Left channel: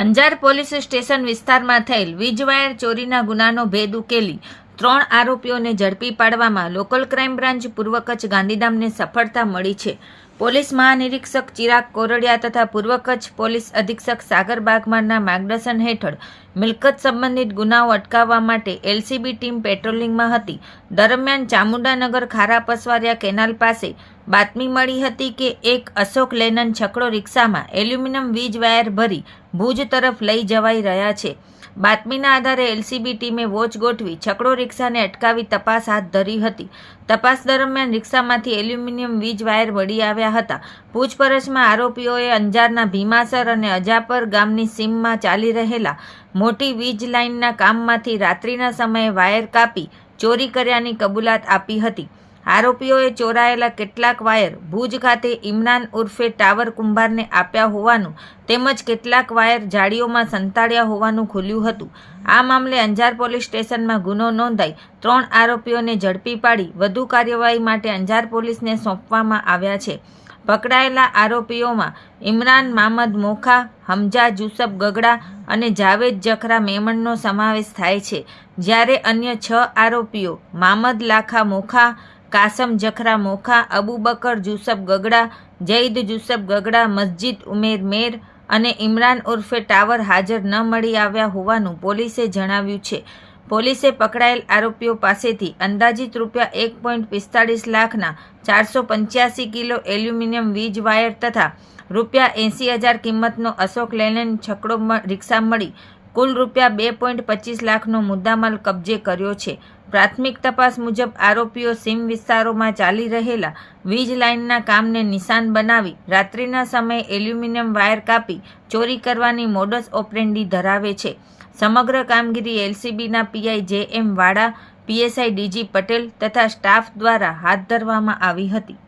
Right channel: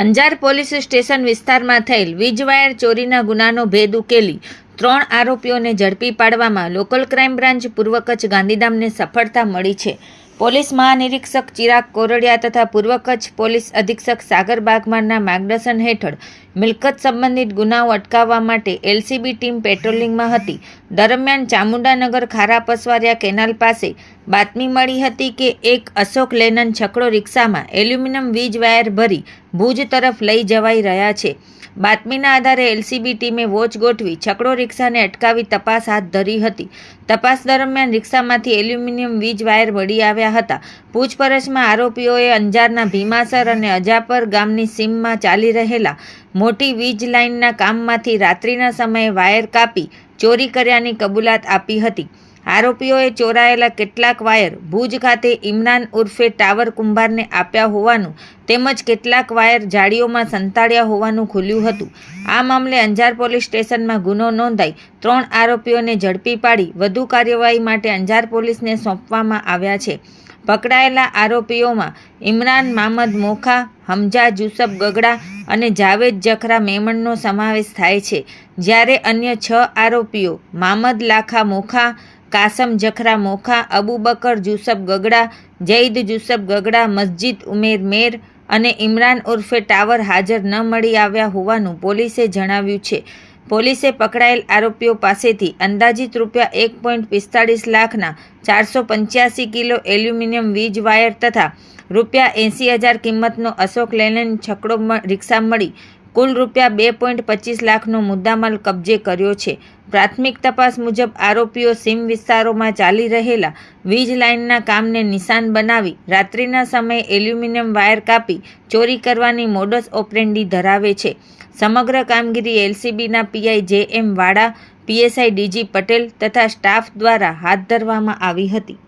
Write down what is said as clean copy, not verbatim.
Anjar police station વિસ્તારમાં થયેલ વીજ વાયર ચોરીના ગુનાનો ભેદ ઉકેલી 3 આરોપીઓને ઝડપી પાડવામાં લોકલ ક્રાઇમ બ્રાન્ચ પૂર્વ કચ્છ ગાંધીધામને સફળતા મળી છે. પોલીસ મહાનિરીક્ષક ચિરાગ કોરડિયા તથા પૂર્વ કચ્છ પોલીસ અધિક્ષક સાગર બાગમારના માર્ગદર્શન હેઠળ મિલકત સંબંધિત ગુનાઓ અટકાવવા માટે એલસીબી ટીમ પેટ્રોલિંગમાં હતી. દરમિયાન ચામુંડાનગર ખારા પસવારિયા કેનાલ પાસે બાતમી મળી હતી કે એક અશોક લેનન છકડો રિક્ષામાં એલ્યુમિનિયમ વીજ વાયર ભરી ભુજ તરફ લઈ જવાઈ રહ્યા છે. બાતમીના આધારે એલસીબી ટીમે વોચ ગોઠવી છકડો રિક્ષાને અટકાવી તપાસ હાથ ધરી હતી. તપાસ દરમિયાન રિક્ષામાંથી એલ્યુમિનિયમ વીજ વાયર મળી આવ્યા હતા. પૂછપરછમાં આરોપીઓએ અંજારના ભીમાસર અને અજાપર ગામની સીમમાં ચાલી રહેલા મોટી વીજ લાઇનના કામમાંથી રાત્રિના સમયે વાયર કાપી ચોરી કર્યાની કબૂલાત આપી હતી. આરોપીઓએ ચોરાયેલા કેટલાક વાયર ભુજ ખાતે ઇમરાન ઉર્ફે ટાવર કુંભારને આપ્યા હોવાનું તેમજ કેટલાક વાયર જાળીઓમાં સંતાડ્યા હોવાનું ખુલ્યું હતું. આ મામલે અંજાર પોલીસ સ્ટેશનમાં ગુનો નોંધાઈ 3 આરોપીઓને ઝડપી પાડી વધુ કાર્યવાહી માટે અંજાર પોલીસને સોંપવામાં આવ્યા છે. પકડાયેલા આરોપીઓમાં ઇમરાન મામદ મોખા, હમજા જુસબ ગગડા અને જાવેદ જખરા મેમણનો સમાવેશ થાય છે. જ્યારે અન્ય 6 આરોપીઓ મામદ લાખા મોખા, કાસમ જખરા મોખા, અબુબકર જુસબ ગગડા, જૈદ જુસબ ગગડા, મસ્જિદ ઉમેર મેર અને ઇમરાન ઉર્ફે ટાવર હાજર ન મળી આવ્યા હોવાનું પોલીસે જણાવ્યું છે. પોલીસે પકડાયેલ આરોપીઓ પાસેથી અંદાજિત રૂપિયા 1.45 લાખના 485 કિલો એલ્યુમિનિયમ વીજ વાયર તથા રૂપિયા 80,000 કિંમતનો અશોક લેનન છકડો રિક્ષા મળી કુલ રૂપિયા 2.25 લાખનો મુદ્દામાલ કબજે કર્યો છે. પ્રાથમિક તપાસ મુજબ આરોપીઓ સીમ વિસ્તારોમાં ચાલી રહેલા વીજ લાઇનના કામને નિશાન બનાવી રાત્રિના સમયે એલ્યુમિનિયમ વાયર કાપી ચોરી કરવાની મોડસ ઓપરેન્ડી ધરાવે છે. સમગ્ર કામગીરી એલસીબીના પીઆઈ જે.એમ. વાડા, પીએસઆઈ ડીજી પટેલ તથા સ્ટાફ દ્વારા હાથ ધરવામાં આવી હતી.